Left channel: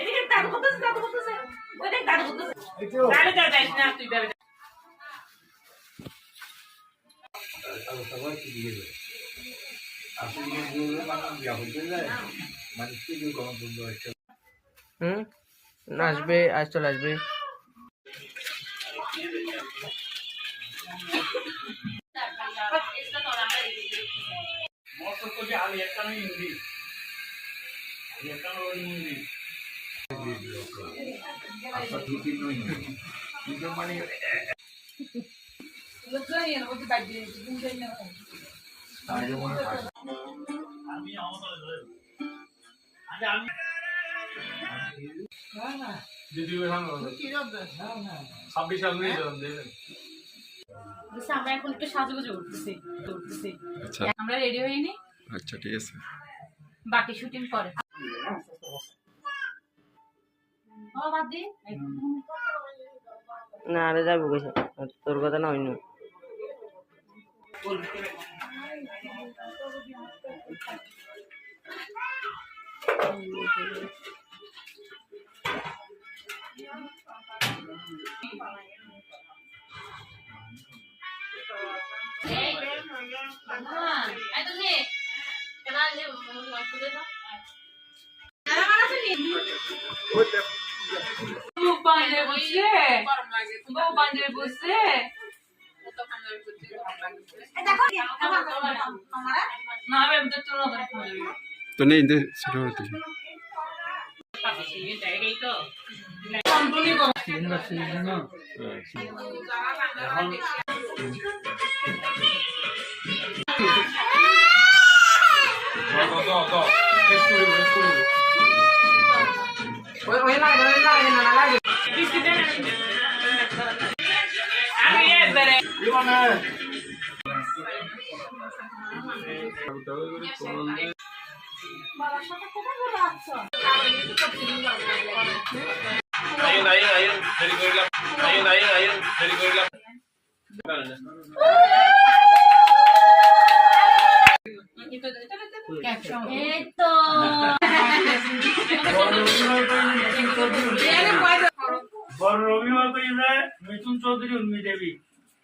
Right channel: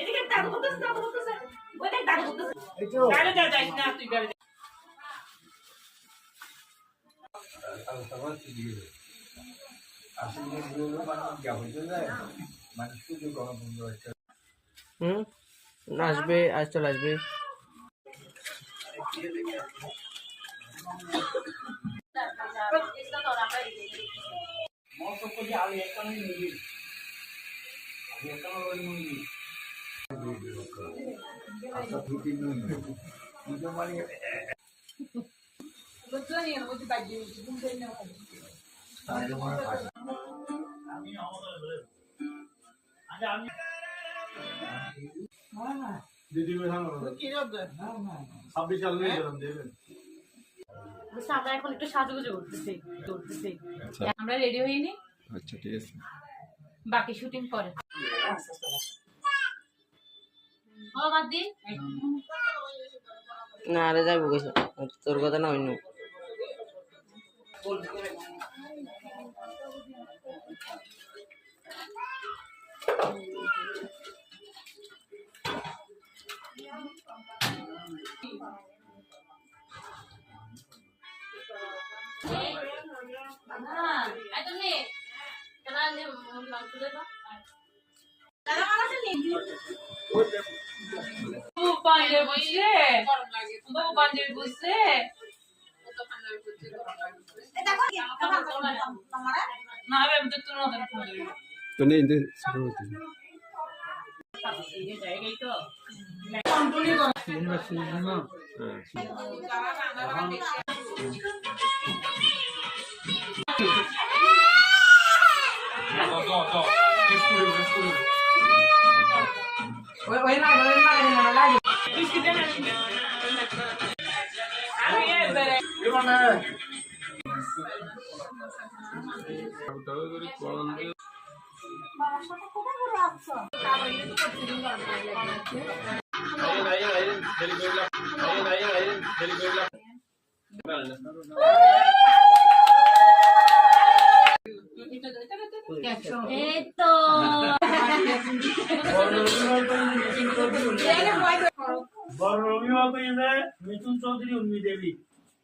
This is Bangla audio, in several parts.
এদিকে দাদু করতেছে ওই দেখ দাদু করতেছে তাহলে যাইস না তুই বেরে আসবে আজ চলে আসবে আমরা এখন একটু সাজুগুজু করতেছি আমরা রেডি হইনি। আচ্ছা ঠিক আছে, বাকি শুটিং পরে। না আরে যাবো গেছে তোর কথা না হইনি তো নেই সেটা হতে বড় অভিভাবক হয়ে যায় মিথুন চৌধুরী উর্মি দেবী,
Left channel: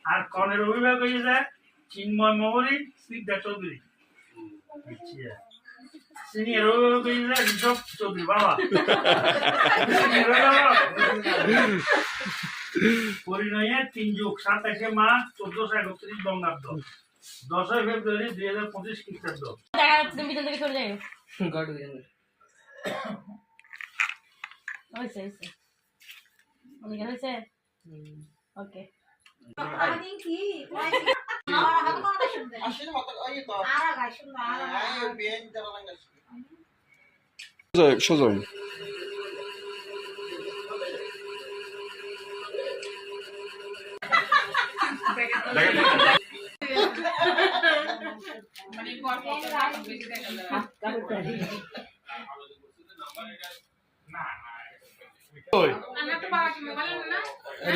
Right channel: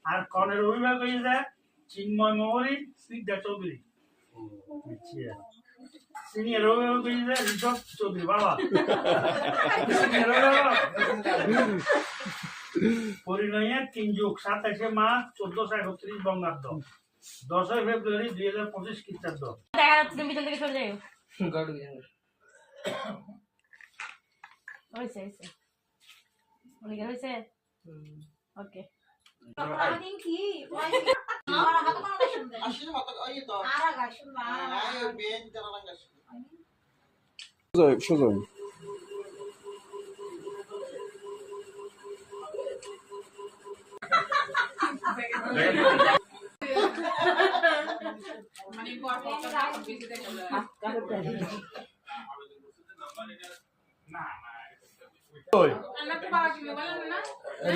আর কনের অভিভাবক হয়ে যায় চিন্ময় মহরী স্নিগ্ধা চৌধুরী। সিনিয়র অভিভাবক হয়ে যায় ঋষভ চৌধুরী। বাবা পরিণয়ে 3 যুগ 27শে মার্চ 1431 বঙ্গাব্দ, 10ই ফেব্রুয়ারি 2025 খ্রিস্টাব্দ। ওকে সোজা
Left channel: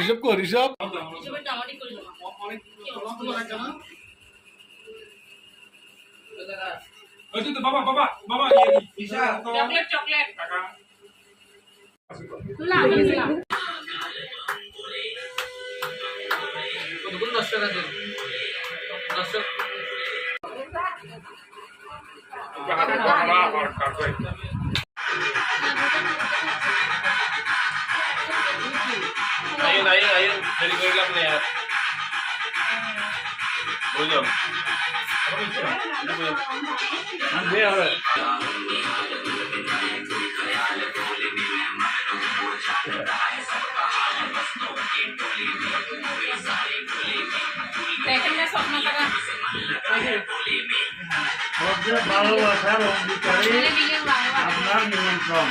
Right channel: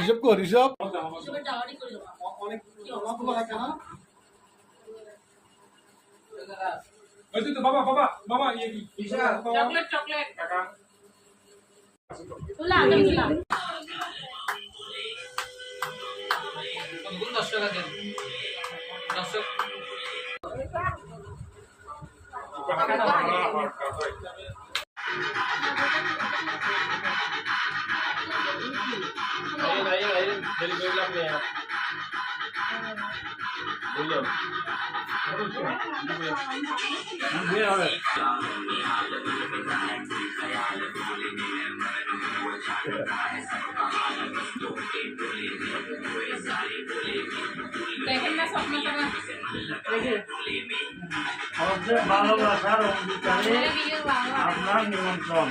ঋষভ কো ঋষভ বাবা বাবা বাবা চকলেট চকলেট কাকা ayun delivery lang na yan. Buyon. ভালোবাসার অঙ্গীকারে আপনার নিমন্ত্রণ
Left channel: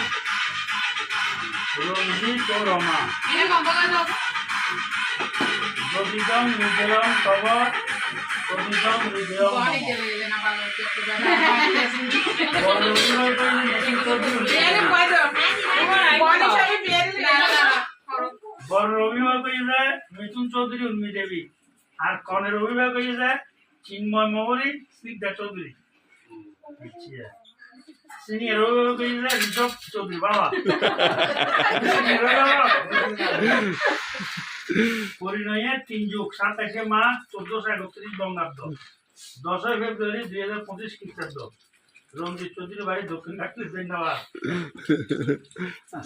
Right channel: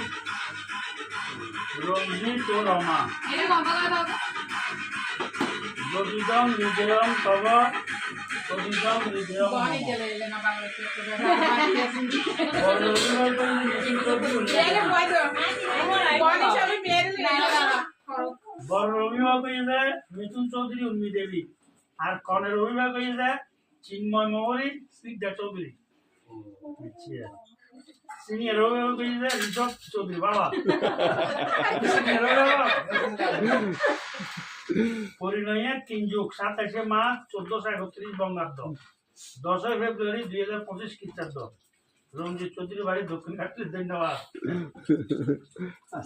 রঞ্জিত ও রমা প্রতিদম হৃদয়ম তব প্রতিদম হৃদয়ম বড় অভিভাবক হয়ে যায় মিথুন চৌধুরী উর্মি দেবী, আর কনের অভিভাবক হয়ে যায় চিন্ময় মহরি স্নিগ্ধা চৌধুরী সিনিয়র অভিভাবক হিসেবে ঋষভ চৌধুরী বাবা পরিণয়ে 3+27 মার্চ 1431 বঙ্গাব্দ 10 ফেব্রুয়ারি 2025 খ্রিস্টাব্দ রঞ্জিত চৌধুরী বাড়ি দক্ষিণ কাটলি ধন্যবাদ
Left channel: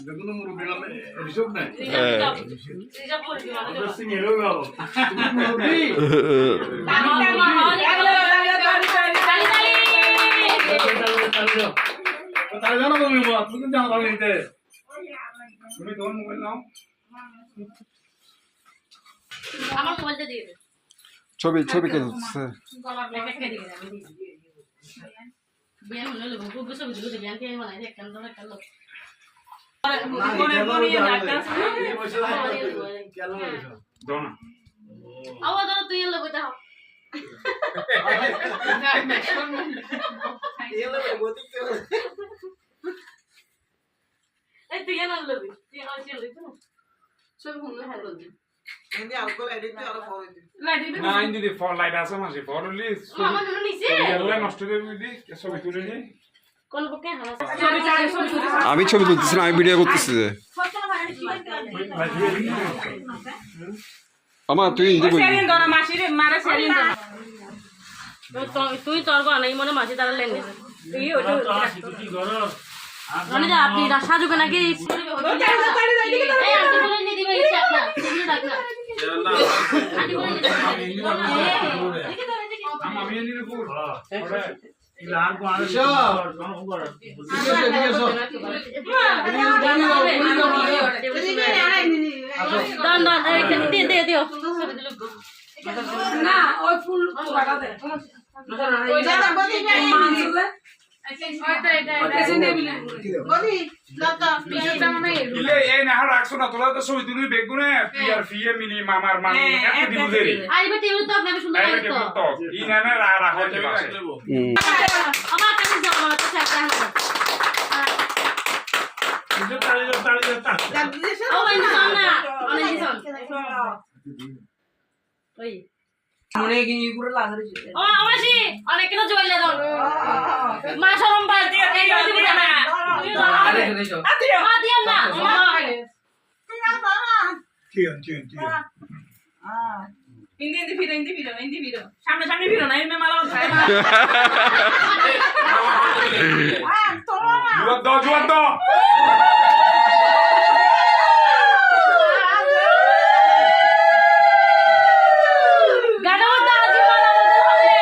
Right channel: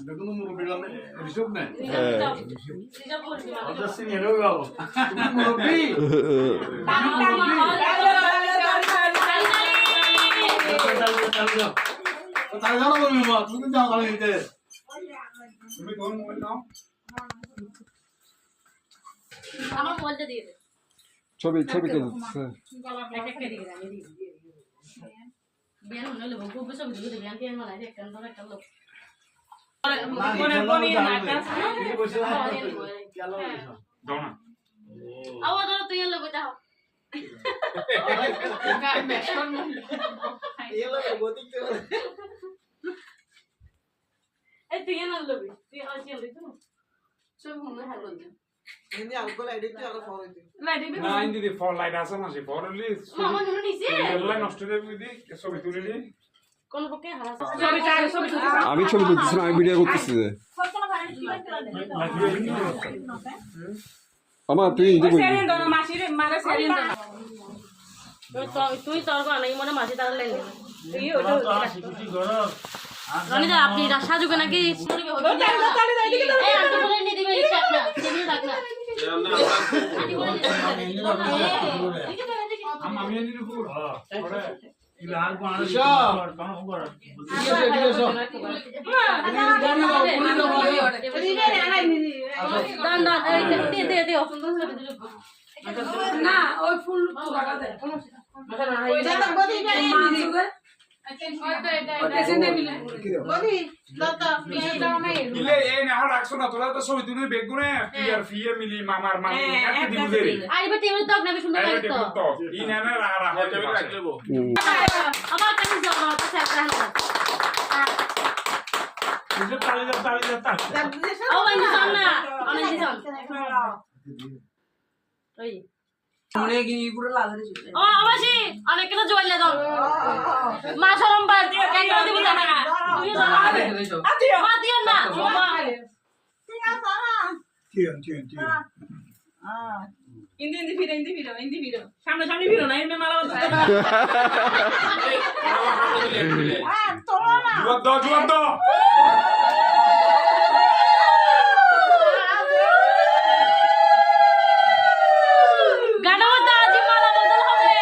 দেখুন মুরব্বী ঋষভ নাই সিনিয়র অভিভাবক তুমি মুরব্বী তাহলে জানো তুমি তুমি জানো তাহলে দিতে তুমি তোমার মোবাইল নাও আমার মোবাইলটা দিয়ে দে ছবি কে তুলছে একটা দিয়ে দে আমি দিই বিয়ান হলো লোক খুব ছবি তুলে বিয়ান কে বানাই দে একটা লোক কোনে বনিয়ে না কাজ দোনা আওয়াজ দাও তুই এলে বইটা হ এই তুই না লবি তুই হাসি লবি তো ছবি হুমলে হাল বল দে এমনি আলকোহল এডিক্ট আর ফর হইতে লাইট দিবি না ইন্দি দি ফর লাইট আছে মাসে ফর হলি আমার জন্য নিছে এগুলা নষ্ট করে দিই ছবি তুলে নি কোন পক্ষে হালা আমি ছবি তুলতেছি না আমি ভিডিও করতেছি যে আমার তুই ইন্দি বলবি সেরিন দোনা মাসিরে মারে সেরিন দোনা তুই তোর গো নাই মনে মাঝে তার লেন তুই ওটা সিকুটি ঘর মানে যা আপনি রাশা জুবে নাকি এই আন্টি বলে নি দিবে ইচ্ছা না দিবি রাখ না আমি এনি রে পুর লাল কোন ঘর দান দান এই দে দিও না ওই ফুল লাগা দে ওই দাদা বদি মানসুলে ওকে নে বিলে বদি দাদা এটা মানে ইলে এই না আর রাখছো না তোলা তো ছবি তুলি বেগুনে পিআর ফিএ মিলি মামার মান এত দিবু দেরি আরে বেটি ওই তো আপনি সুন্দর এই লাগে তো ই না না রা হইতে পারে আমার কাছে যাও আমার কাছে একটা তালি ও ভাই দিছন না আমি দিছন ওই মনে কি পুরো লাগারে ও আমাশি অনেক কিছু জয়েল দাও মা শরম বাদ দিয়ে কেন দিবি না তুই দাও মা দিও না ইন্দি ভিড়ো সামনে ভিড়ো না এমনি মালা জুয়াদ দাও গাড়ো দাও জি মালা বদল হবে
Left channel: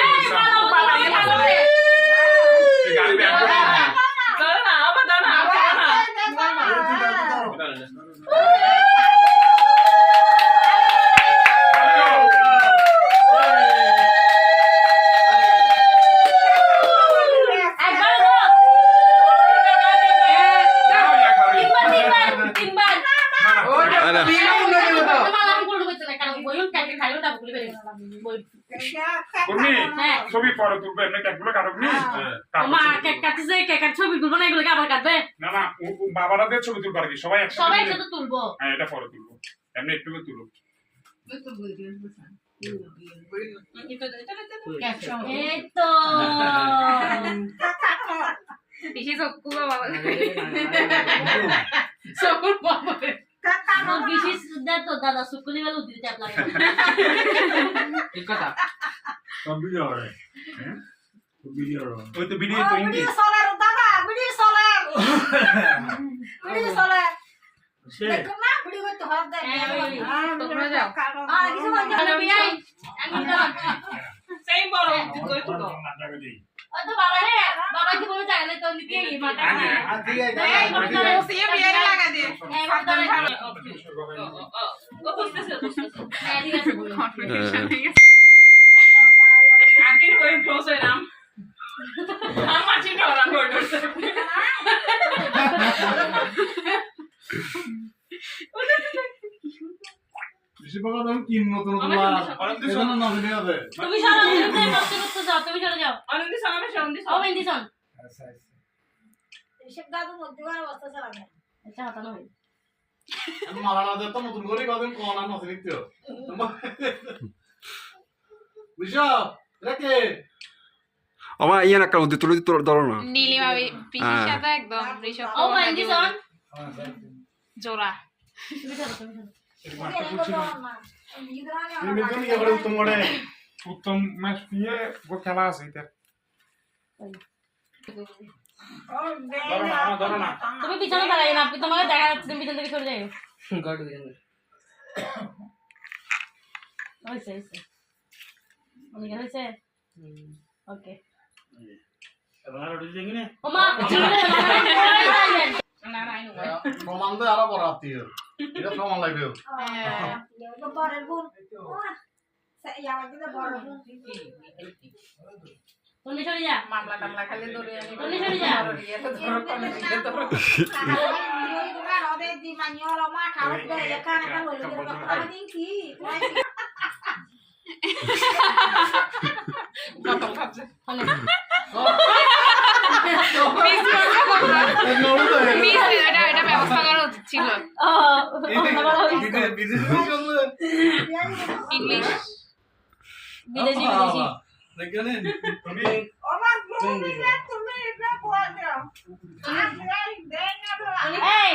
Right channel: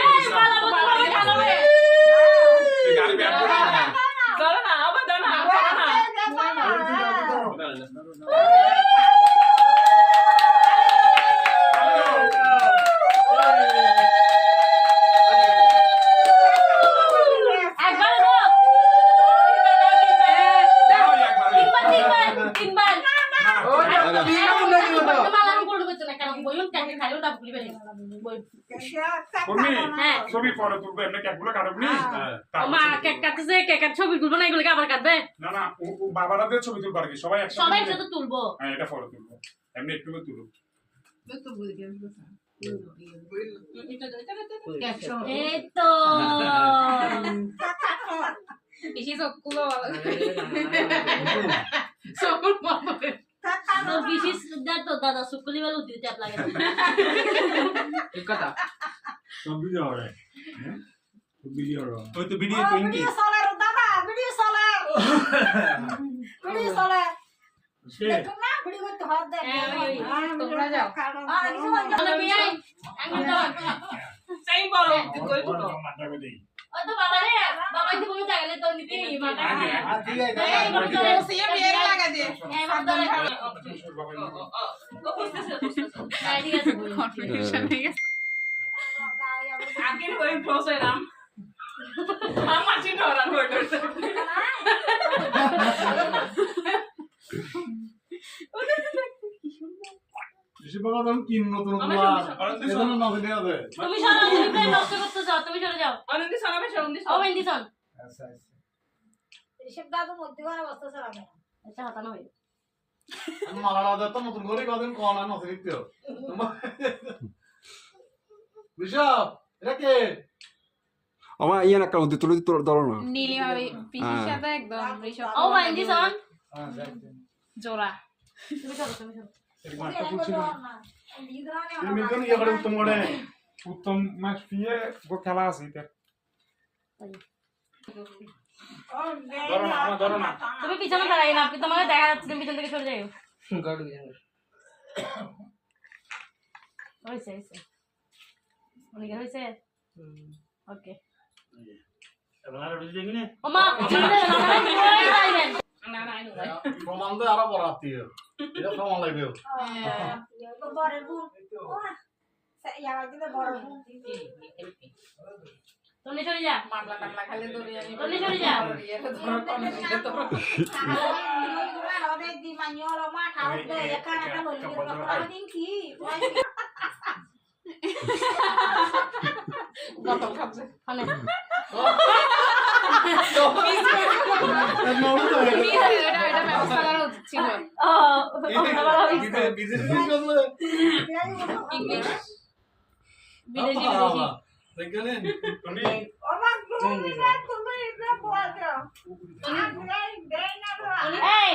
এই মালা বদল হবে গাড়ি ব্যাক করে দাও না আবার দাও না একবার তিনবার মালা আমি করব না কারণ বইল টাকে খাইও না ভুলি বেরে বই তুমি হ্যাঁ ছবি পরে তুলবে এমনি ক্যাপগুলো কাটবনি মা কেক কাটছে কেকের ছবি তুলবো না এগুলো আবার কাটবে না না ও বাবারাদের ছবি তুলবো আর কি সবাই একসাথে সবাই একসাথে তুলবো হ্যাঁ এটা পরে তুলবো এমনি একটু তুলো এই তো বেশি সব কুবা বাবা মোর বিশেষ সুন্দর তো দাদা শুকুলি वाला উঠি ট্যাপ লাগে ঠিক কথা সব ভিডিও রে ভিডিও রে ওই তো ভিডিও তো ইন্দি সোলার দাদা ভিডিও সোলার সে দেখো না ভিডিও করতে হবে দেখ তোমরা যাও কিছু বলতে তাহলে বিয়াই আমি তো সেই বড় কই তো ও তো বাবা রে বাবা কি বলে চাইলে তো নিতে এই মাটা ঠিক আছে এই বড় সিএম বিয়ার লাগা দে এই বড় ও বুঝতেছে ঠিক আছে বলো আগের ওই প্রসেরাম আমার চিন্তা করা হইছে বেশি বাবা তুমি কি নতুন এজন্য না ভিডিও দে তুমি সারা দিন কষ্ট করতে যাও তুমি চলে যাও অনন্দি সঙ্গে সঙ্গে ও বেন্দিছন আচ্ছা ঋষভ দাদু মধ্যবার অবস্থা চালাবে আচ্ছা হাতানো হই মারা দে তো নতুন করে কদিন কোন না নতুন দিতে আমার ইয়ে না কারণ তুলে তোর ধরো না নীলিমা পিসির সাথে একদম ঋষভ ও মাইন্দি সন জোড়া উত্তম ম্যাচ ফিয়ে গো খেলা আছে এটা ধরো না তুমি পিছনে দাঁড়াই না তোমাকে দেখা যাচ্ছে তুমি পিছন থেকে সরে যাও গাড়ি দিয়ে হয়েছে অনেক হয়েছে ওকে এবার রুটি দেখি না ও মা চলে যাবেন না না আইনো প্রমাণ তো আরো বড় আত্মীয় এটা প্রমাণ লাগবে বরের বোন বড় বোন তুমি সরে যা মামলা টামলা খালি দৌড়ে আমি তুমি সরে যা এটা ব্যবস্থা করা উচিত ছিল ও ইংলিশ বিদেশি তুমি এই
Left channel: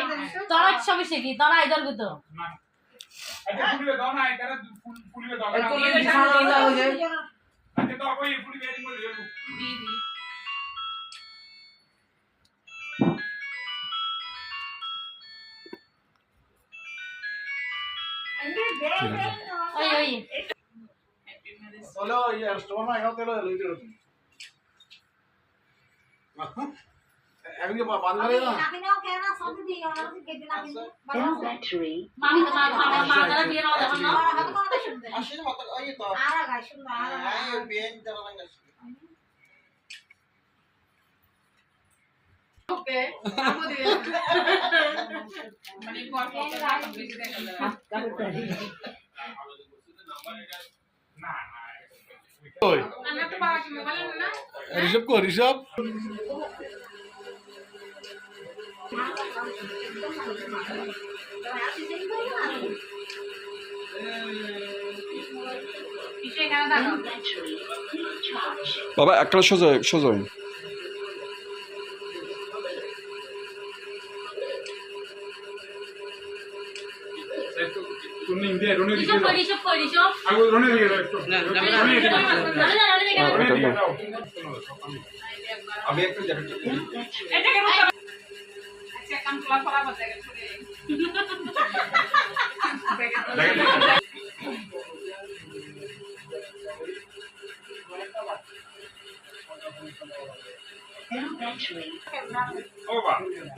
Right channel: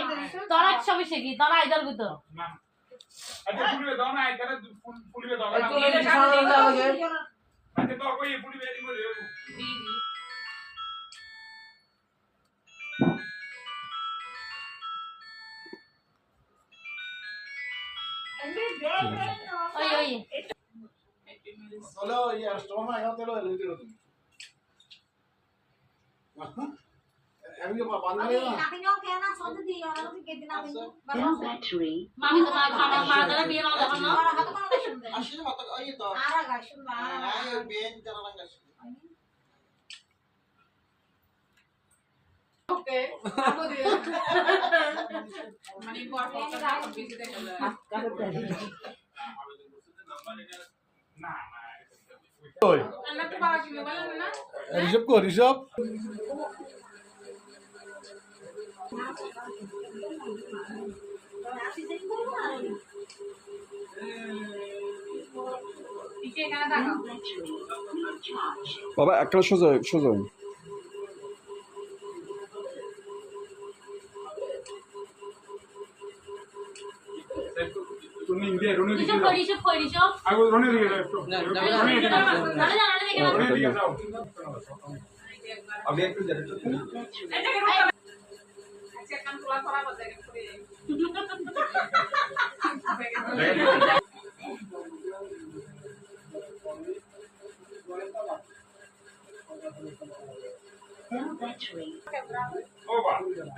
তোরা ছবি শিখি তোরা আইদল গুতো আচ্ছা ফুলিবে দাও না এটা ফুলিবে দাও না তুই বিছানা দাও যে আচ্ছা তো কই ফুলিবে এই বলে দিদি ওই ওই চলো এই স্টোর না এখানে তেল লইতে রইছি আমি কি বান্ধলে না মামি মা যারা বিয়ে না যখন না আসলে মত ওই তো এই বেন যারা লাগে ওকে আমো দিয়ে মানে পড়া বেশি দেখা যায় না আমরা তো বাবা কি মোবাইল না ঋষভ কো ঋষভ পিছে এখানে দেখো বাবা একটা সোজা সোজা তুমি ইন্ডিয়া রনে দিকে রিসব যাও কই রিসব আগে রনে দিকে যাও একটু রনে দিকে যাও আমি একটু জ্যাকেট পরি এটা কেন আচ্ছা কাম তোলা ফলা বাজে গেছে ও বা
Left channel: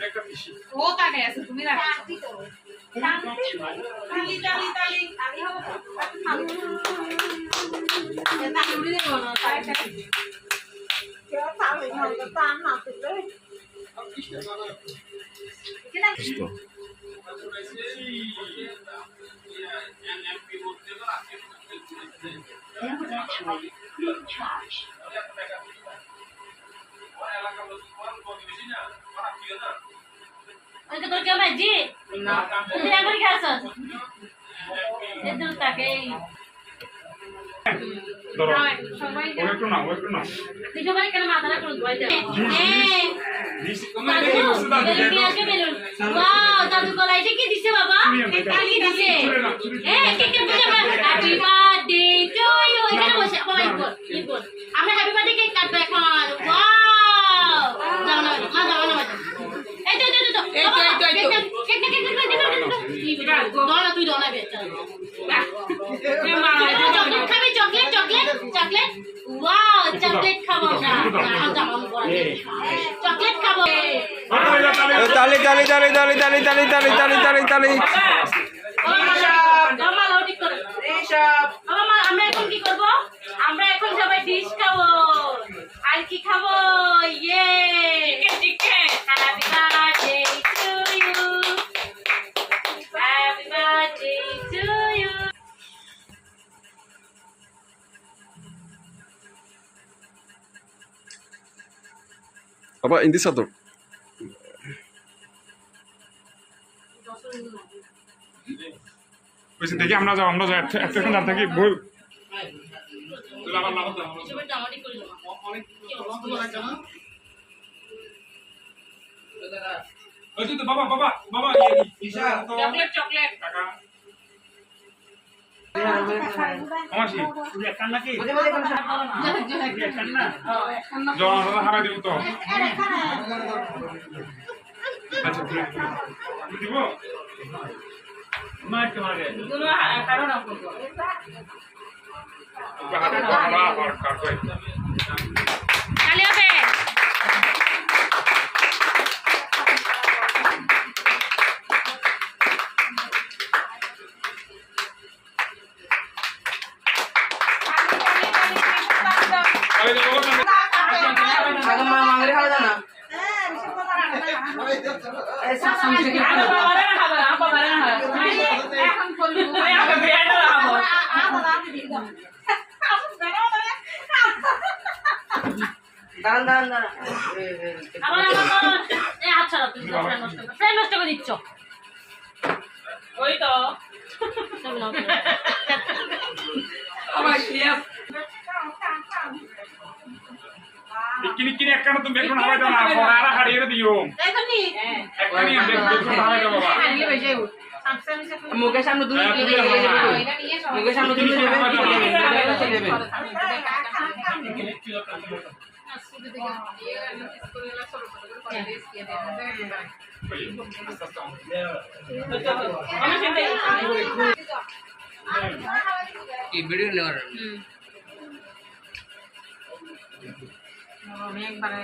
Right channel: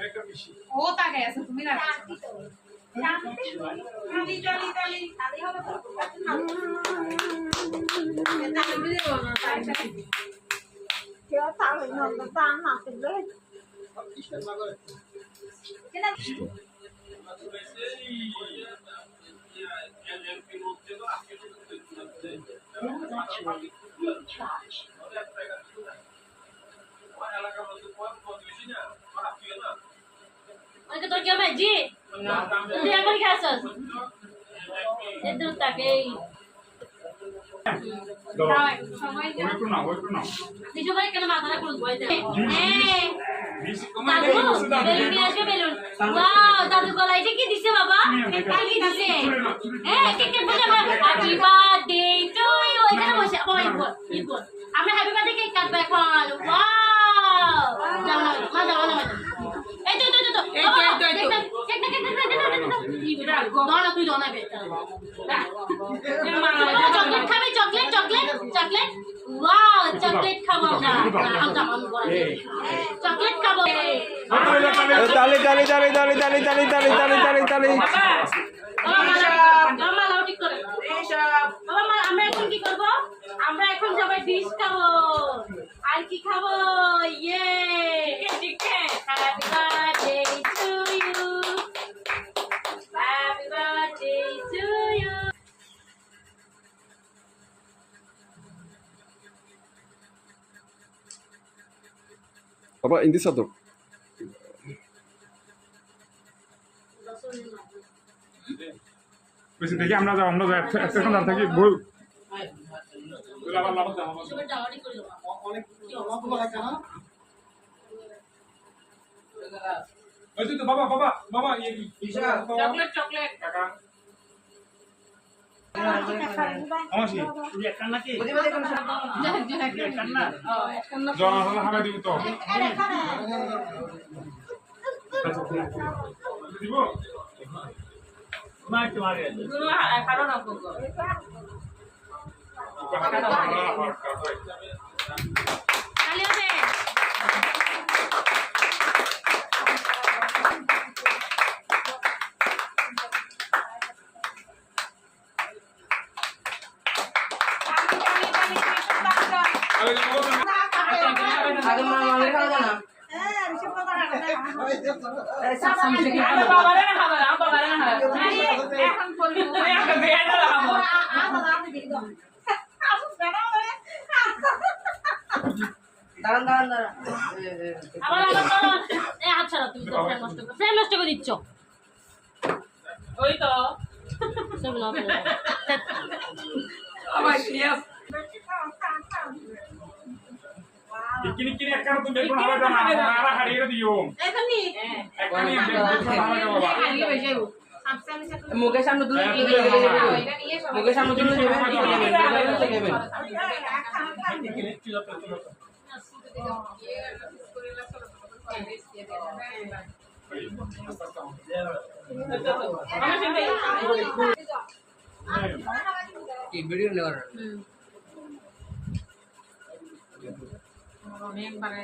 একটা পিসি ও তাকায় আছে তুমি না তালি তালি তালি তালি হবে এটা উড়ি দেব না তাই অনেক তোর কেউ নাই জি না তুই আমার কি আছিস এদুল তাকে ধরো সবাই একটু না তুই সবাই কেন মাথাটা খুল বই দে এই দিস তোমার দেখি বসে দাও বেলুন নিয়ে আসো বেলুন ওয়াও দাদু গলায় কি দিছে বাবা কি দিছে কে বুঝাবে হ্যাপি বার্থডে টু ইউ এখানে বসে বাবা ইবল আমরা হ্যাপি বার্থডে কেক কাটবো এখন ওয়াও যাও না মা যাও না এই তো কেক তুই দোনা বে চকলেট খাবে চকলেট ওয়াও চকলেট খাবো না চকলেট খাবো তালি তালি তালি তালি তালি তালি তালি তালি তালি তালি আমরা এখন কি করবো আমরা এখন সবাই ডিশ খাবো আর কি খাবো ইয়ে chicken happy birthday to you happy birthday to you বাবা ইন্দি সাদর বেশি দেখি আমরা যাও এতক্ষণ দাঁড় থাকি বই তুই আবার লাভ দাও এসবের জামাটি করে দেবো অনেক লম্বা লাগে না ওই তো বাবা বাবা বাবা ইশা তো চকলেট চকলেট কাকা আমাশি তুই একান নাকি একান না জনগণ হামা দিব তো আচ্ছা দিব মা তোমাকে দুনো খারো না করব হাতে ধরা আর কাকই কালি হবে আরে বাবা আরে বাবারে না খাবার আম বাবারে না এখন করবো আমি বেড়া লাগাবো আমার এই আচ্ছা তুই ফ্রেম নষ্ট করে দিচ্ছ ওই তো আমার শেফ ইকিনি কিনি একখানা তুমি বেগুন হামা দাও না ফোনারা হারিয়ে দিও এখানে একখানি বেগুন হামা দাও বাবা মুকেশ সামনে দুই মুকেশ সামনে দুই এই ভিডিও নেওয়ার একবারে